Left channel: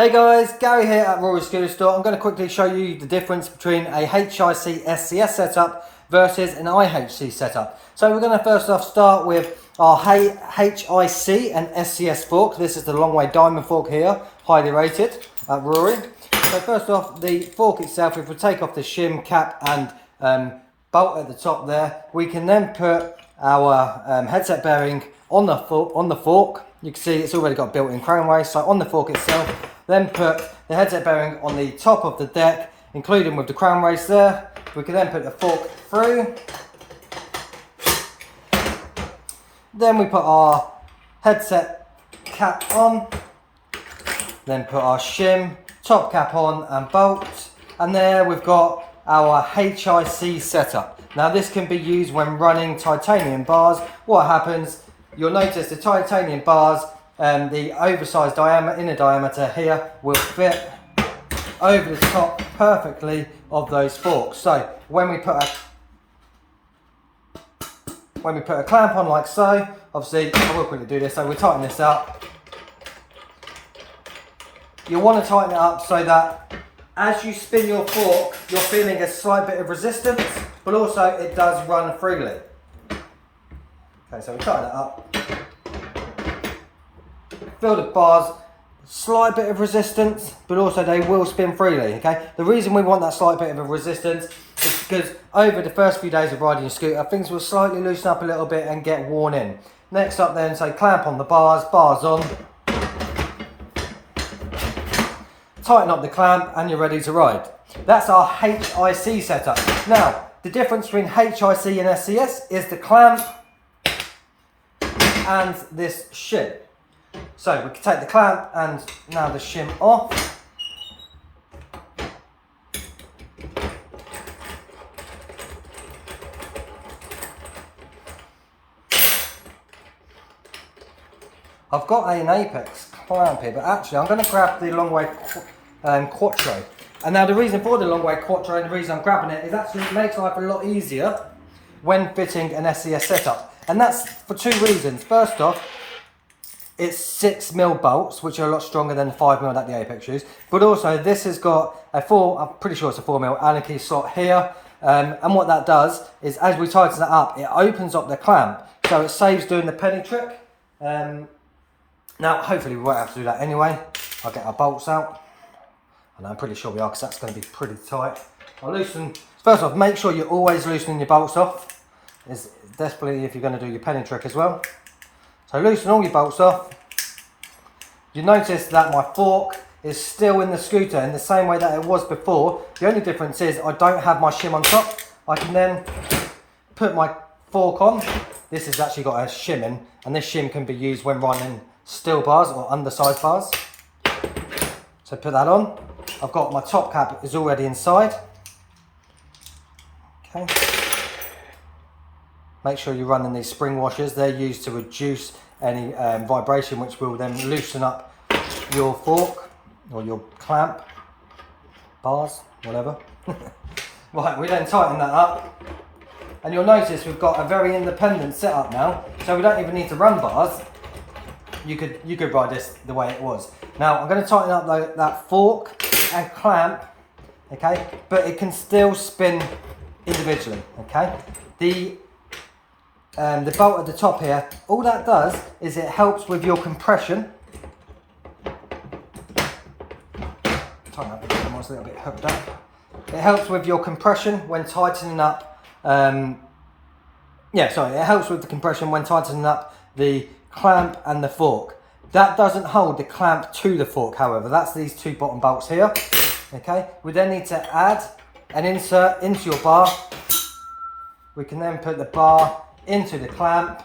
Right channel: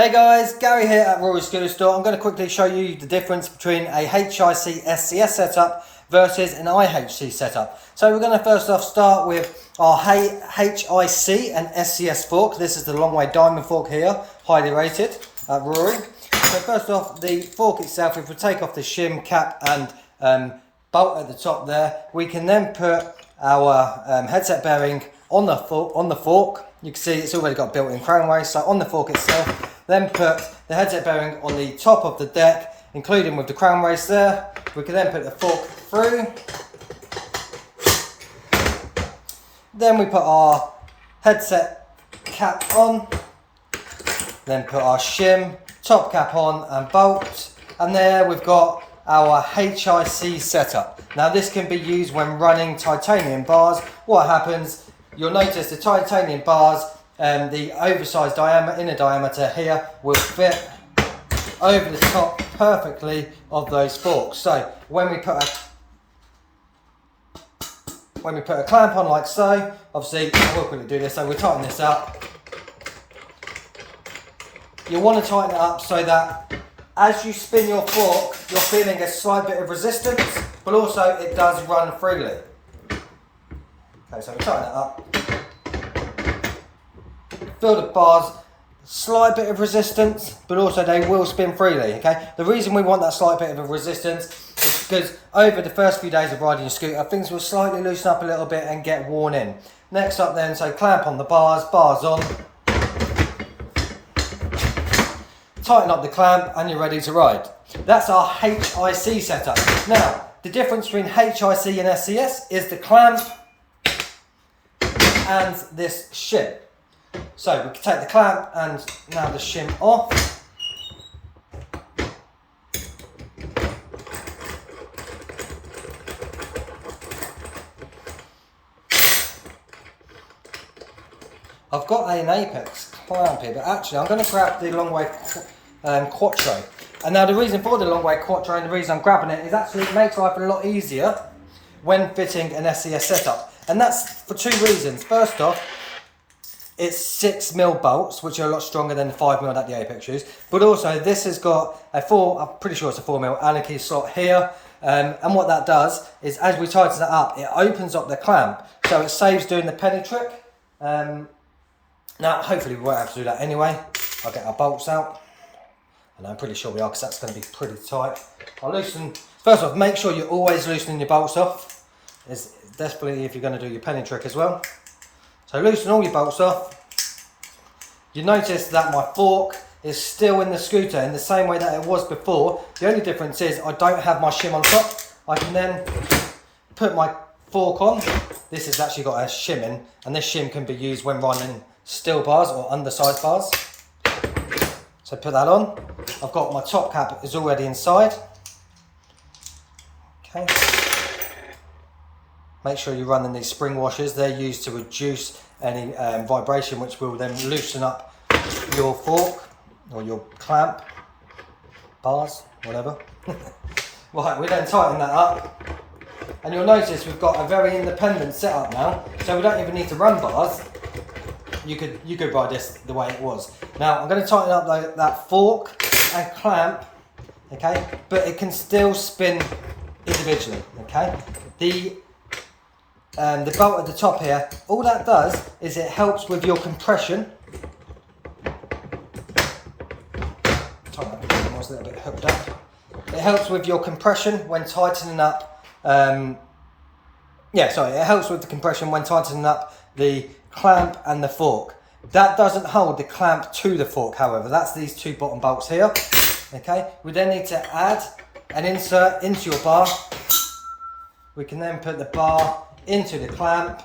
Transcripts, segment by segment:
Hey guys, Gary here at Rory Scooter Store. I'm going to quickly show you the difference between a HIC SCS setup versus an IHC setup. So we're going to first off start with our HIC and SCS fork. This is the long way diamond fork here, highly rated at Rory. So first off, the fork itself, if we take off the shim cap and bolt at the top there, we can then put our headset bearing on the fork. You can see it's already got built-in crown race, so on the fork itself. Then put the headset bearing on the top of the deck, including with the crown race there. We can then put the fork through. Then we put our headset cap on. Then put our shim, top cap on and bolt. And there we've got our HIC setup. Now this can be used when running titanium bars. What happens, you'll notice the titanium bars, the oversized inner diameter here will fit over the top perfectly of those forks. So when we put a clamp on like so, obviously I will quickly do this, so we'll tighten this up. You want to tighten it up so that as you spin your fork, you're feeling a slight bit of resistance, but also it does run freely. Okay, so we tighten that up. Feel the bars, slight bit of resistance, but also they will spin freely, okay? The reason we want that slight bit of a resistance is because over the first few days of riding your scooter, things will slightly loosen up a little bit and get worn in. Next up then, so clamp on the bars on. Tighten up the clamp and you're ready to ride. That's our HIC setup. Now, the difference between HIC and SCS is the clamp and this shim. So we can take the clamp and now the shim off. I've got an Apex clamp here, but actually I'm going to grab the long way Quattro. And now the reason for the long way Quattro and the reason I'm grabbing it is actually it makes life a lot easier when fitting an SCS setup. And that's for two reasons. First off, it's 6mm bolts, which are a lot stronger than the 5mm that the Apex use. But also, this has got I'm pretty sure it's a 4mm Allen key slot here. And what that does is, as we tighten that up, it opens up the clamp. So it saves doing the penny trick. Now, hopefully we won't have to do that anyway. I'll get our bolts out. And I'm pretty sure we are, because that's going to be pretty tight. I'll loosen. First off, make sure you're always loosening your bolts off. It's definitely if you're going to do your penny trick as well. So loosen all your bolts off. You notice that my fork is still in the scooter in the same way that it was before. The only difference is I don't have my shim on top. I can then put my fork on. This has actually got a shim in, and this shim can be used when running steel bars or undersized bars. So put that on. I've got my top cap is already inside. Okay. Make sure you're running these spring washers. They're used to reduce any vibration, which will then loosen up your fork or your clamp, bars, whatever. Right, we then tighten that up. And you'll notice we've got a very independent setup now. So we don't even need to run bars. You could ride this the way it was. Now I'm going to tighten up that fork and clamp, okay? But it can still spin individually, okay? The bolt at the top here, all that does is it helps with your compression. Sorry, I was a little bit hooked up. It helps with your compression when tightening up. It helps with the compression when tightening up the clamp and the fork. That doesn't hold the clamp to the fork, however. That's these two bottom bolts here. Okay, we then need to add an insert into your bar. We can then put the bar into the clamp.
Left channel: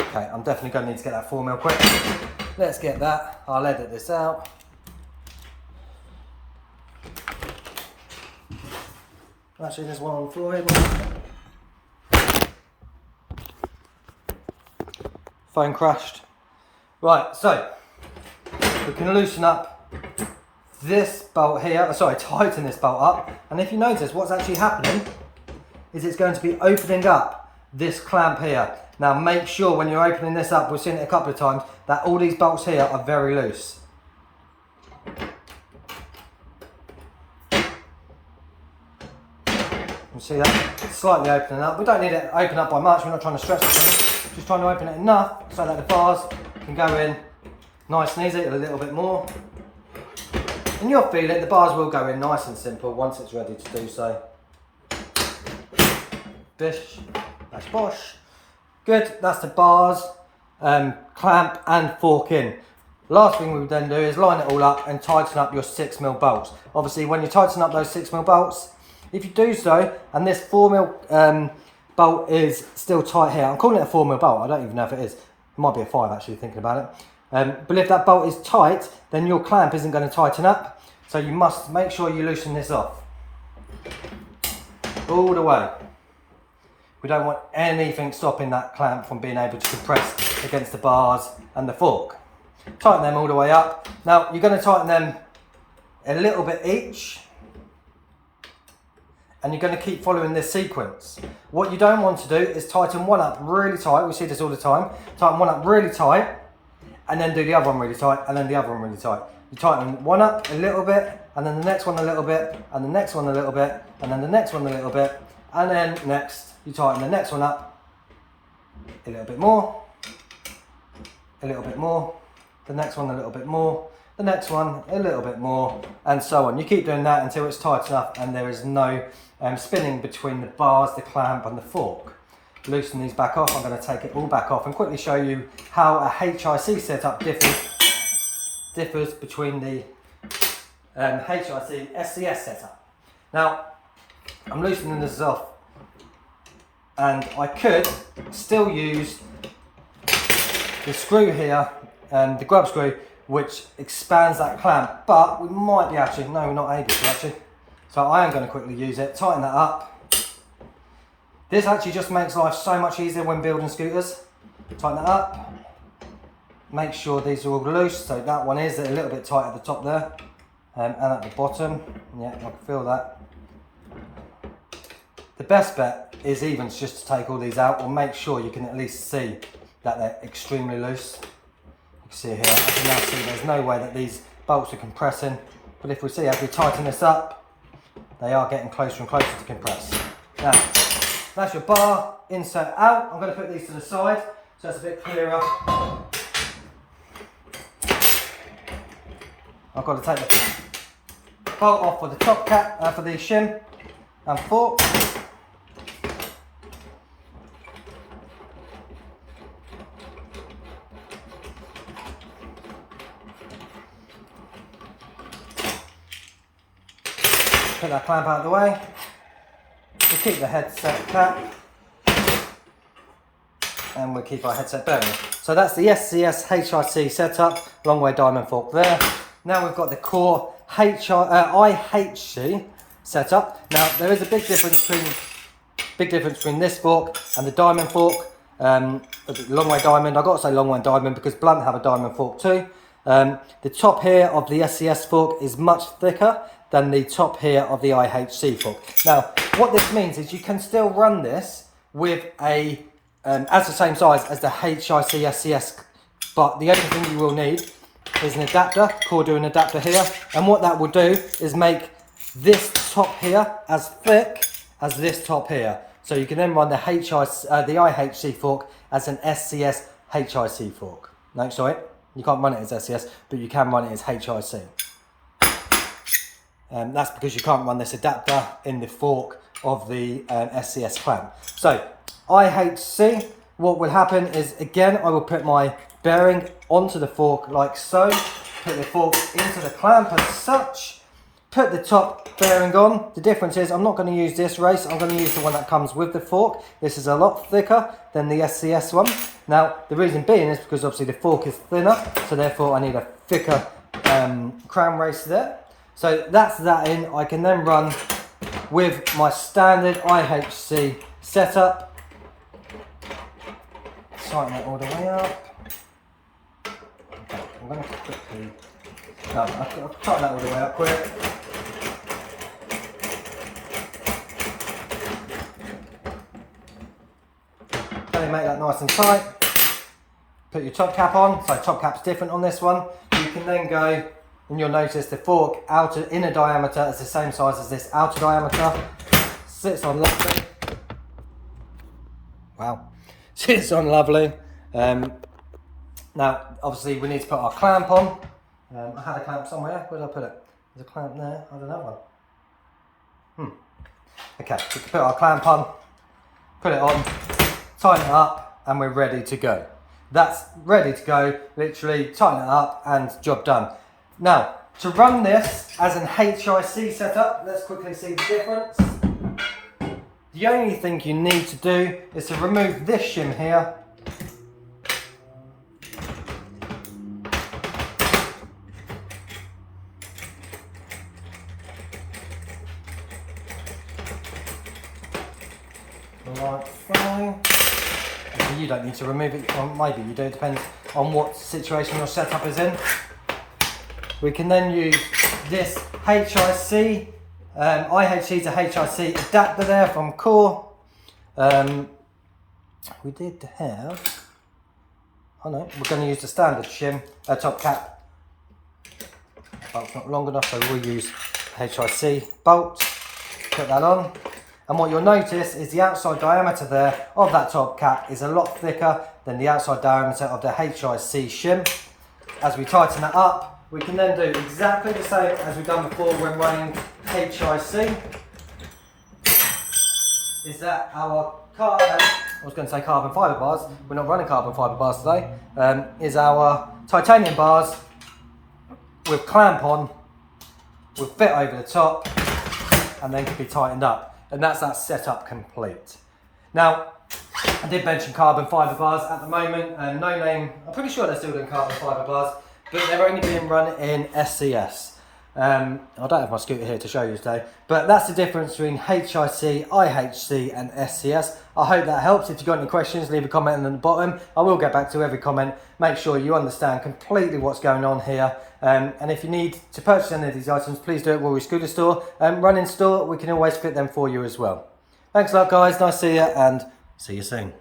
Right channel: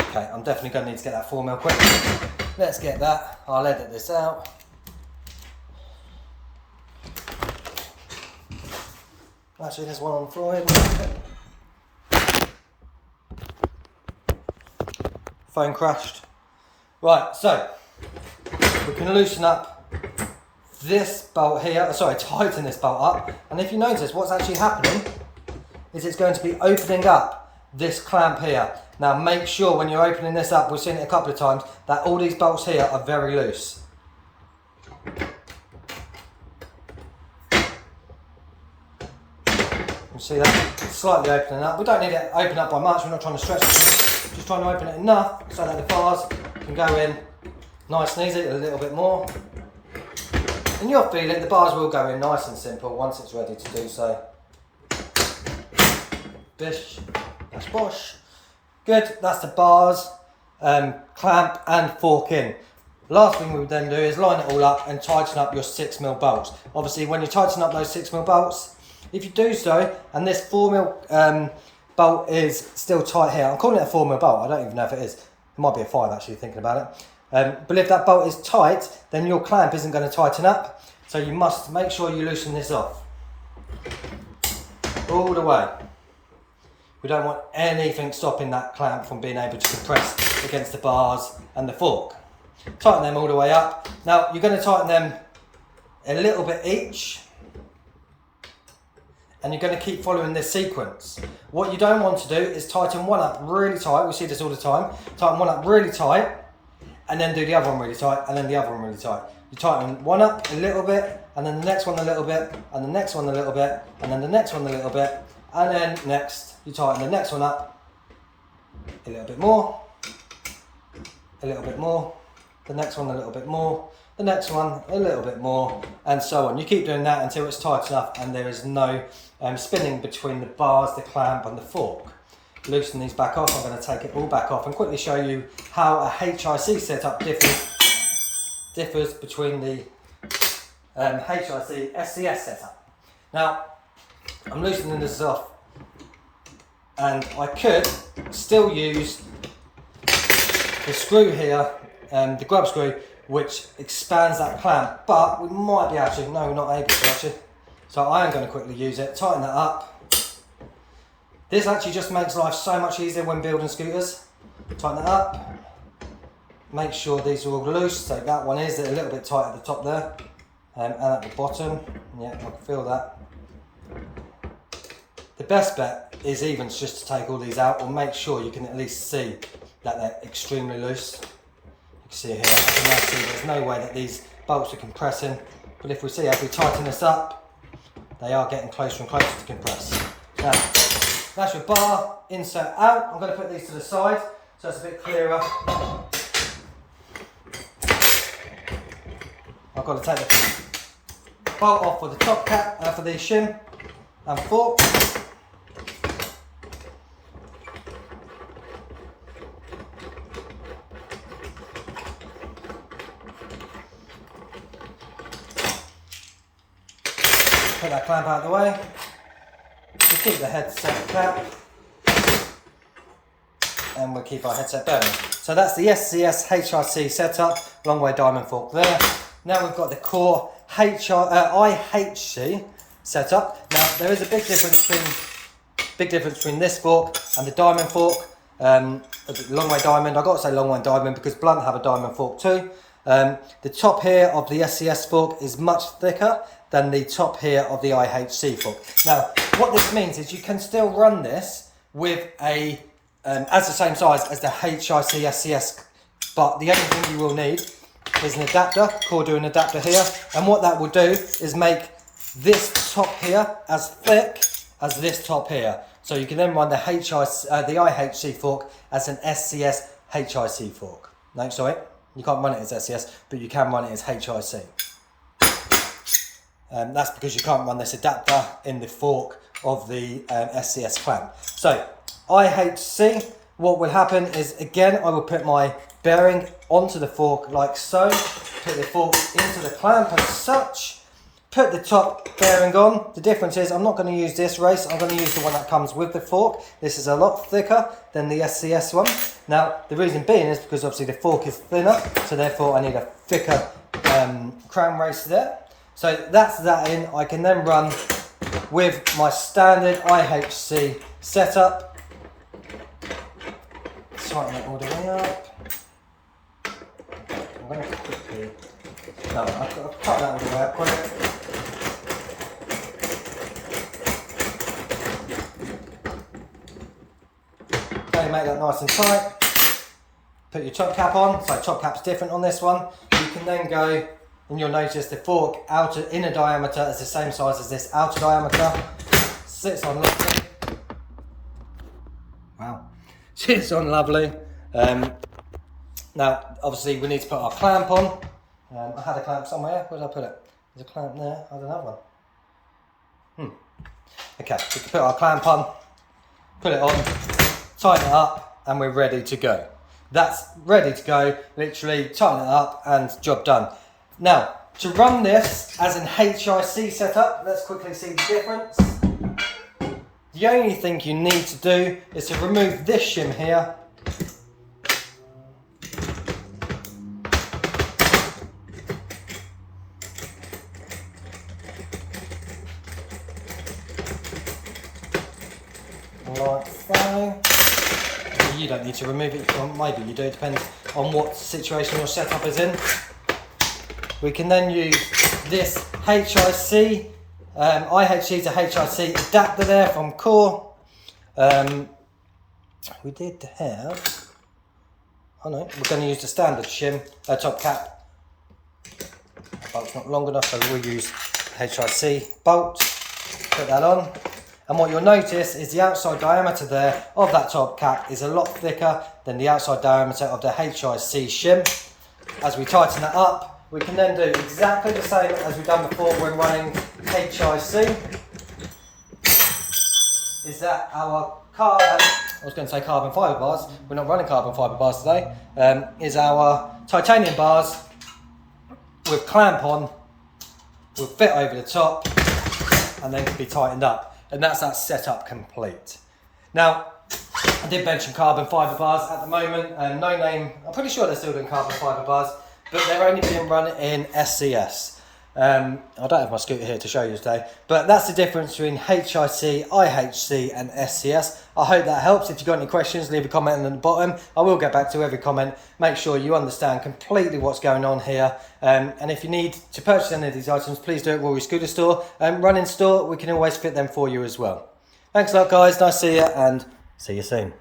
Okay, I'm definitely going to need to get that 4mm quick. Let's get that. I'll edit this out. Actually, there's one on the floor here. Phone crashed. Right, so we can loosen up this bolt here, tighten this bolt up, and if you notice what's actually happening is it's going to be opening up this clamp here, Now make sure when you're opening this up, we've seen it a couple of times, that all these bolts here are very loose. You see that? Slightly opening up. We don't need it open up by much, we're not trying to stretch it, just trying to open it enough so that the bars can go in nice and easy, a little bit more. And you'll feel it, the bars will go in nice and simple once it's ready to do so. Bish, bash bosh. Good, that's the bars, clamp and fork in. Last thing we would then do is line it all up and tighten up your 6mm bolts. Obviously when you tighten up those 6mm bolts, if you do so, and this 4mm bolt is still tight here, I'm calling it a 4mm bolt, I don't even know if it is. It might be a 5 actually, thinking about it. But if that bolt is tight, then your clamp isn't going to tighten up. So you must make sure you loosen this off. All the way. We don't want anything stopping that clamp from being able to compress against the bars and the fork. Tighten them all the way up. Now you're going to tighten them a little bit each. And you're going to keep following this sequence. What you don't want to do is tighten one up really tight. We see this all the time. Tighten one up really tight, and then do the other one really tight, and then the other one really tight. You tighten one up a little bit, and then the next one a little bit, and the next one a little bit, and then the next one a little bit, and then next you tighten the next one up a little bit more, a little bit more, the next one a little bit more, the next one a little bit more, and so on. You keep doing that until it's tight enough and there is no spinning between the bars, the clamp and the fork. Loosen these back off. I'm going to take it all back off and quickly show you how a HIC setup differs between the HIC SCS setup. Now I'm loosening this off, and I could still use the screw here, the grub screw, which expands that clamp, but we might be able to, no, we're not able to actually. So I am going to quickly use it, tighten that up. This actually just makes life so much easier when building scooters. Tighten that up. Make sure these are all loose, so that one is a little bit tight at the top there, and at the bottom. Yeah, I can feel that. The best bet is even just to take all these out, or make sure you can at least see that they're extremely loose. You can see here, I can now see there's no way that these bolts are compressing, but if we see as we tighten this up, they are getting closer and closer to compress. Now, that's your bar, insert out. I'm going to put these to the side so it's a bit clearer. I've got to take the bolt off for the top cap, for the shim and fork. Put that clamp out of the way. We'll keep the headset cap, and we'll keep our headset bearing. So that's the SCS HIC setup, long way diamond fork there. Now we've got the core IHC setup. Now there is a big difference between this fork and the diamond fork, the long way diamond. I've got to say long way diamond because Blunt have a diamond fork too. The top here of the SCS fork is much thicker than the top here of the IHC fork. Now, what this means is you can still run this with a, as the same size as the HIC SCS, but the only thing you will need is an adapter, Cordu adapter here, and what that will do is make this top here as thick as this top here. So you can then run the IHC fork as an SCS HIC fork. No, sorry, you can't run it as SCS, but you can run it as HIC. That's because you can't run this adapter in the fork of the SCS clamp. So IHC, what will happen is, again, I will put my bearing onto the fork like so, put the fork into the clamp as such, put the top bearing on. The difference is I'm not going to use this race, I'm going to use the one that comes with the fork. This is a lot thicker than the SCS one. Now the reason being is because obviously the fork is thinner, so therefore I need a thicker crown race there. So that's that in. I can then run with my standard IHC setup. Tighten it all the way up. I'm going to quickly, no, I'll cut that all the way up quick. you make that nice and tight. Put your top cap on, so top cap's different on this one. You can then go, and you'll notice the fork inner diameter is the same size as this outer diameter. Sits on lovely. Wow, sits on lovely. Now, obviously, we need to put our clamp on. I had a clamp somewhere. Where did I put it? There's a clamp there. I don't have one. Okay, we can put our clamp on, put it on, tighten it up, and we're ready to go. That's ready to go. Literally, tighten it up, and job done. Now, to run this as an HIC setup, let's quickly see the difference. The only thing you need to do is to remove this shim here. Like so. You don't need to remove it, or maybe you do, it depends on what situation your setup is in. We can then use this HIC, IHC to HIC adapter there from Core. We did have, oh no, we're going to use the standard shim, top cap. Bolt's not long enough, so we'll use HIC bolt, put that on. And what you'll notice is the outside diameter there of that top cap is a lot thicker than the outside diameter of the HIC shim. As we tighten that up, we can then do exactly the same as we've done before when running HIC. Is that our I was going to say carbon fibre bars, we're not running carbon fibre bars today, is our titanium bars with clamp on, will fit over the top and then can be tightened up. And that's that setup complete. Now, I did mention carbon fibre bars at the moment, and No Name, I'm pretty sure they're still doing carbon fibre bars, but they're only being run in SCS. I don't have my scooter here to show you today, but that's the difference between HIC, IHC and SCS. I hope that helps. If you've got any questions, leave a comment in the bottom. I will get back to every comment. Make sure you understand completely what's going on here. And if you need to purchase any of these items, please do it at Rory Scooter Store. Run in store, we can always fit them for you as well. Thanks a lot, guys. Nice to see you, and see you soon.